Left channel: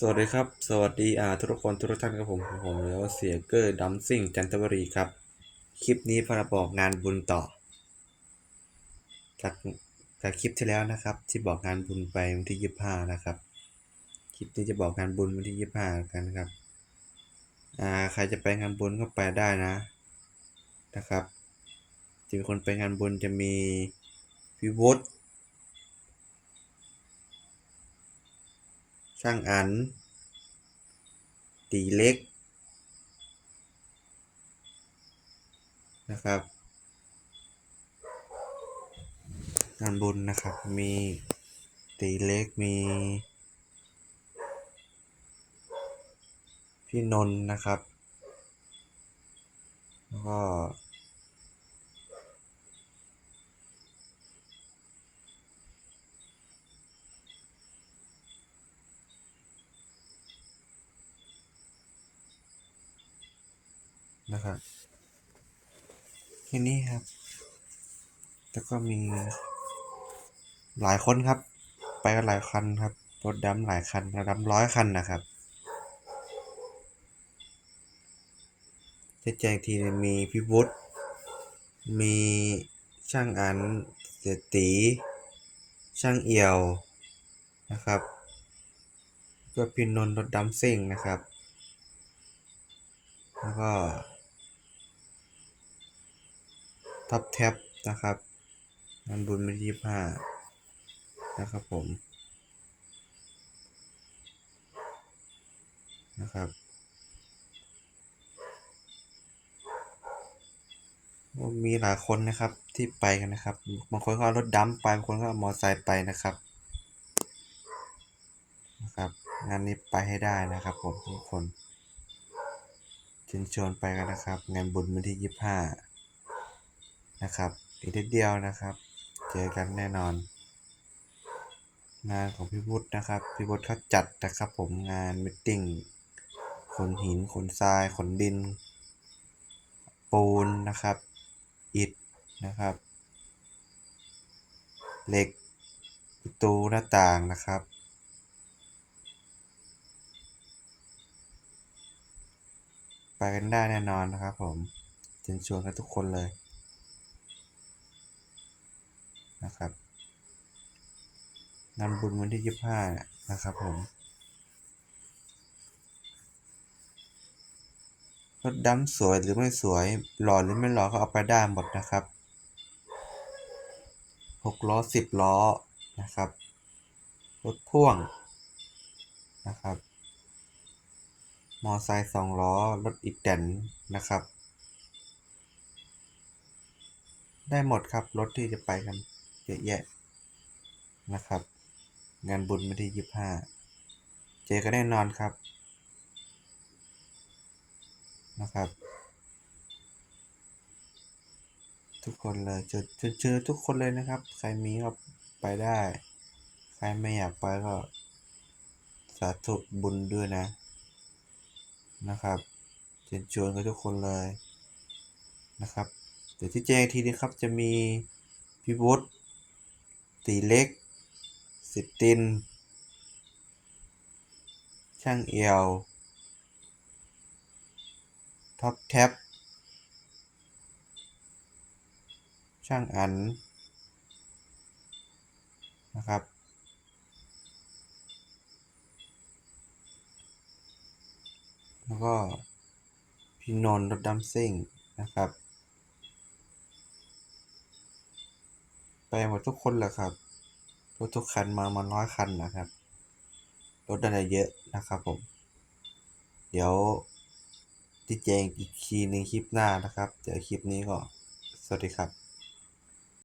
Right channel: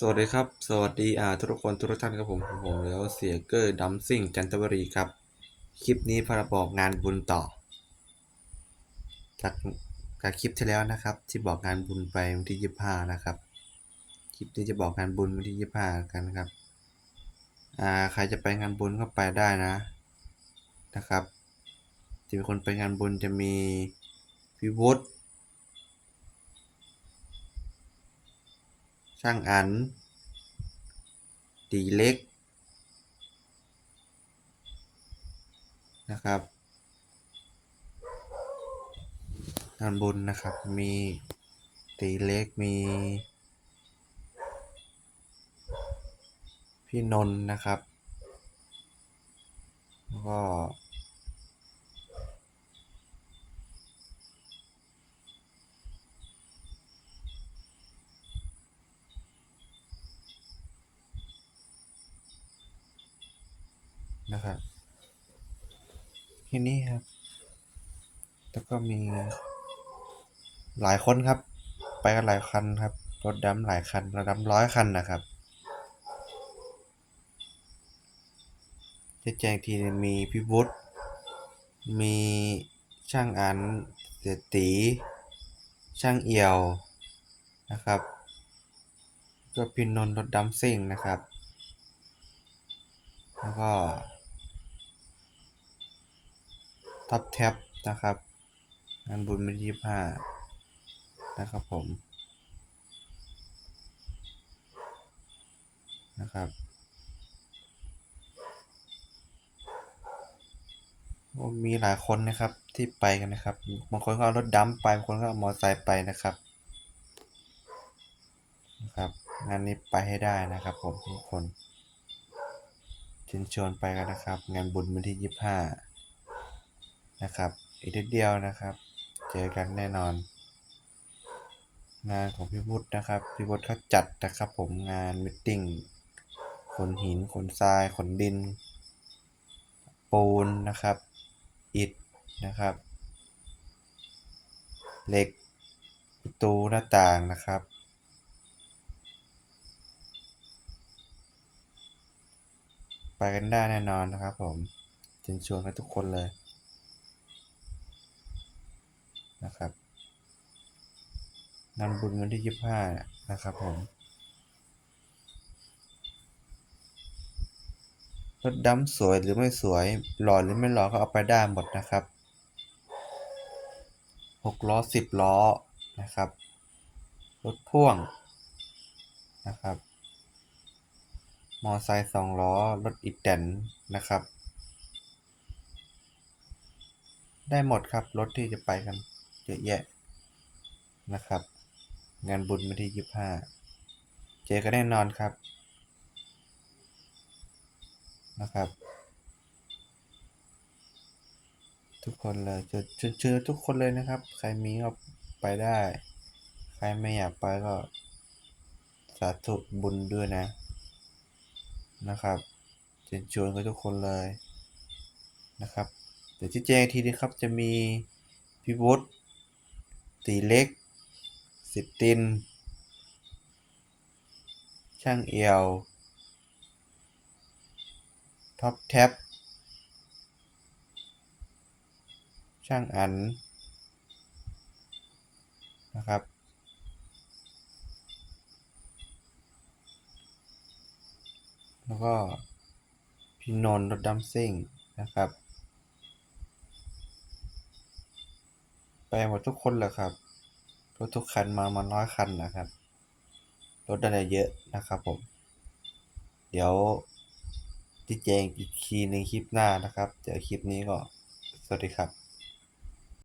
สวัสดีครับ สวัสดีอ่าทุกคนทุกท่านครับผมผมแล้วเสียเกอร์ดัมซิ่งจันทบุรีครับ คลิปนี้พาบอกงานบุญต่อ จากจากคลิปที่แล้วนะครับ ที่บอกงานบุญไปวันที่ยี่ห้านะครับ คลิปนี้จะบอกงานบุญวันที่ยี่ห้ากันครับอ่าใครจะไปงานบุญก็ไปได้นะนะครับจะมีคนไปงานบุญจะมีพี่วุฒิ ช่างอัน ตีเล็กนะครับงานบุญนะครับมีตีเล็กมี พี่นนท์นะครับ แล้วก็ นะครับที่นี่ครับ แล้วก็มี หลายคนครับ ไปกันหลายคันครับ รถดำหลายคันรถดำร้อยคันนะครับ จะแจ้งทีมีพี่วุฒิมีช่างอันเสตี ช่างเอี่ยวนะครับก็พินนนท์รถดำซิ่งนะครับ แล้วก็ ท็อปแท็บนะครับงานบุญวันที่ยี่ห้านะครับผมนะครับมีหลายคนนะครับที่ไปกันนะครับบางคนก็เอารถดัมไปบางคนก็เอามอเตอร์ไซค์ไปนะครับนะครับงานนี้ไปให้ได้นะครับผมทุกคนเชิญชวนไปกันนะครับ งานบุญวันที่ยี่ห้า นะครับ อีกนิดเดียวนะครับ เจอกันแน่นอน งานของพี่วุฒินะครับพี่วุฒิเขาจัดนะครับผมงานมิทติ้งขนหินขนทรายขนดิน ปูนนะครับ อิฐนะครับ เหล็กประตูหน้าต่างนะครับไปกันได้แน่นอนนะครับผมเชิญชวนกันทุกคนเลย นะครับงานบุญวันที่ยี่ห้านะครับผมรถดำสวยหรือไม่สวย หล่อหรือไม่หล่อก็เอาไปได้หมดนะครับหกล้อสิบล้อนะครับรถพ่วงนะครับ มอไซค์สองล้อ รถอีแตนนะครับ ได้หมดครับ รถที่จะไปกัน เยอะแยะนะครับ งานบุญวันที่ยี่ห้าเจอกันแน่นอนครับนะครับ ทุกคนเลยเจอเจอเจอทุกคนเลยนะครับ ใครมีก็ไปได้ ใครไม่อยากไปก็ สาธุบุญด้วยนะนะครับเชิญชวนกันทุกคนเลยนะครับ เดี๋ยวที่แจ้งทีนี้ครับจะมีพี่วุฒิ ตีเล็ก สิบติน ช่างเอียว ท็อปแท็บ ช่างอัน นะครับแล้วก็พี่นนรถดัมซิ่งนะครับ ไป หมดทุกคนเลยครับ รถทุกคันมามาร้อยคันนะครับ รถอะไรเยอะนะครับผม เดี๋ยวที่แจงอีกทีในงคลิปหน้านะครับ เดี๋ยวคลิปนี้ก็ สวัสดีครับ